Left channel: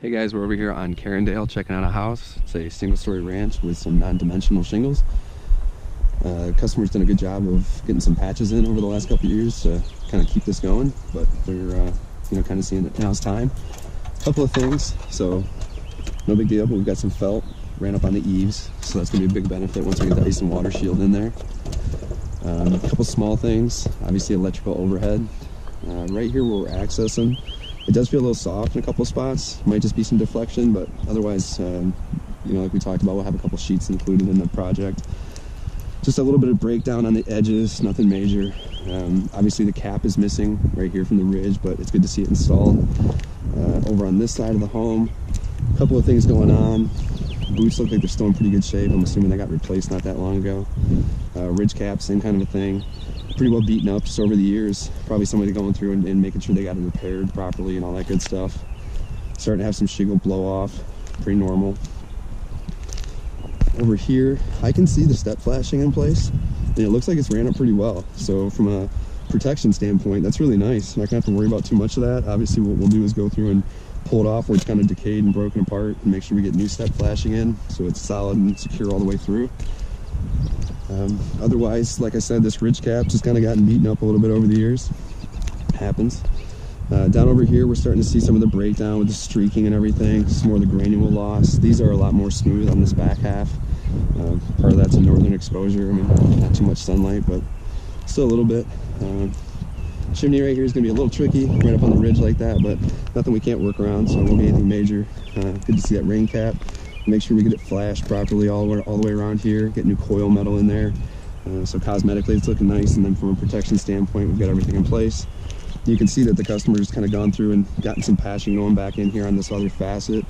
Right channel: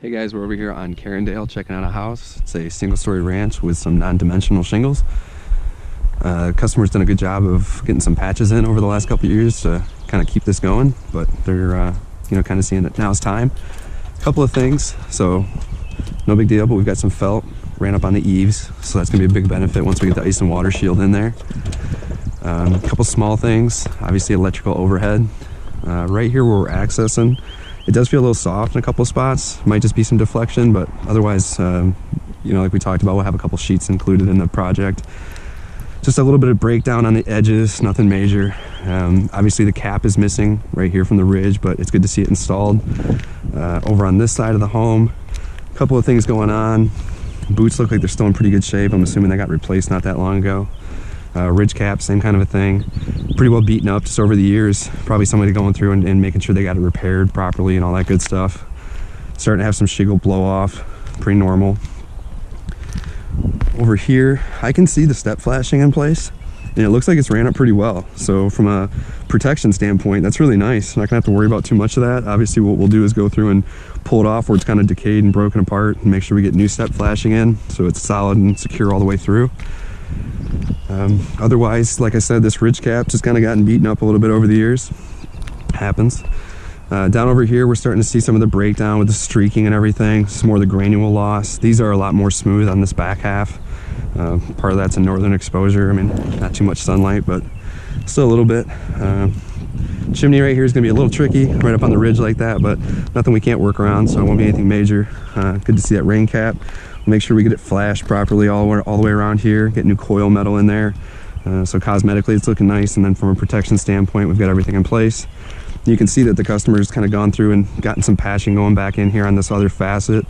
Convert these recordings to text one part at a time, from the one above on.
Hey guys, we're over here on Carindale checking out a house. It's a single-story ranch with some non-dimensional shingles. Customer's done a good job of getting some patches in over the last couple of years to kind of keep this going, but they're kind of seeing that now's time. A couple of things, so no big deal, but we've got some felt ran up on the eaves, so that's gonna be a big benefit once we get the ice and water shield in there. A couple small things, obviously electrical overhead. Right here where we're accessing, it does feel a little soft in a couple of spots. Might just be some deflection, but otherwise, like we talked about, we'll have a couple sheets included in the project. Just a little bit of breakdown on the edges, nothing major. Obviously the cap is missing right here from the ridge, but it's good to see it installed. Over on this side of the home, a couple of things going on. Boots look like they're still in pretty good shape. I'm assuming they got replaced not that long ago. Ridge cap, same kind of a thing. Pretty well beaten up just over the years. Probably somebody going through and making sure they got it repaired properly and all that good stuff. Starting to have some shingle blow off, pretty normal. Over here, I can see the step flashing in place, and it looks like it's ran up pretty well. So from a protection standpoint, that's really nice. I'm not gonna have to worry about too much of that. Obviously what we'll do is go through and pull it off where it's kind of decayed and broken apart and make sure we get new step flashing in so it's solid and secure all the way through. Otherwise, like I said, this ridge cap just kind of gotten beaten up a little bit over the years. Happens. Down over here, we're starting to see some of the breakdown with the streaking and everything. Some more of the granule loss. These are a lot more smooth on this back half. Part of that's a northern exposure. I mean, not too much sunlight, but still a little bit. Chimney right here is going to be a little tricky, right up on the ridge like that, but nothing we can't work around, so it won't be anything major. Good to see that rain cap. We'll make sure we get it flashed properly all the way around here, get new coil metal in there. So cosmetically it's looking nice, and then from a protection standpoint, we've got everything in place. You can see that the customer's kind of gone through and gotten some patching going back in here on this other facet.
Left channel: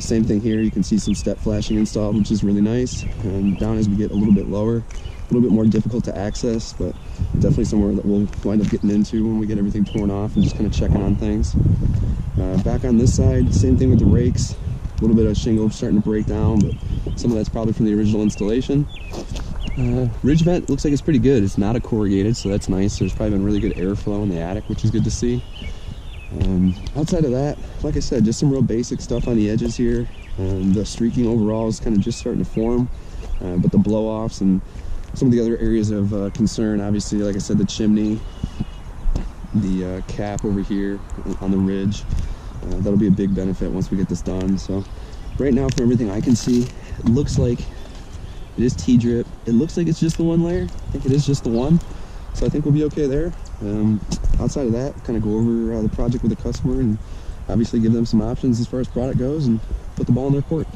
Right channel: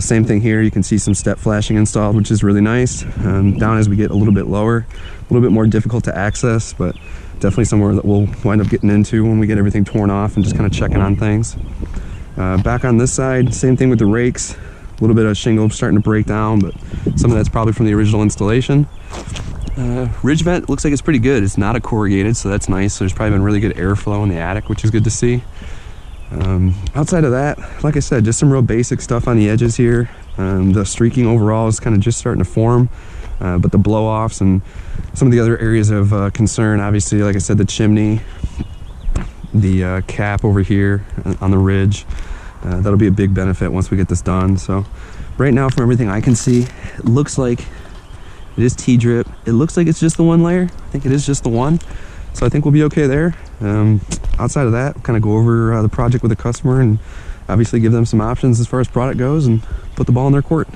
Same thing here, you can see some step flashing installed, which is really nice. Down as we get a little bit lower, a little bit more difficult to access, but definitely somewhere that we'll wind up getting into when we get everything torn off and just kind of checking on things. Back on this side, same thing with the rakes. A little bit of shingle starting to break down, but some of that's probably from the original installation. Ridge vent looks like it's pretty good. It's not a corrugated, so that's nice. So there's probably been really good airflow in the attic, which is good to see. Outside of that, like I said, just some real basic stuff on the edges here. The streaking overall is kind of just starting to form, but the blow-offs and some of the other areas of concern, obviously, like I said, the chimney, the cap over here on the ridge, that'll be a big benefit once we get this done. So right now, from everything I can see, it looks like it is T-drip. It looks like it's just the one layer. I think it is just the one. So I think we'll be okay there. Outside of that, kind of go over the project with the customer and obviously give them some options as far as product goes and put the ball in their court.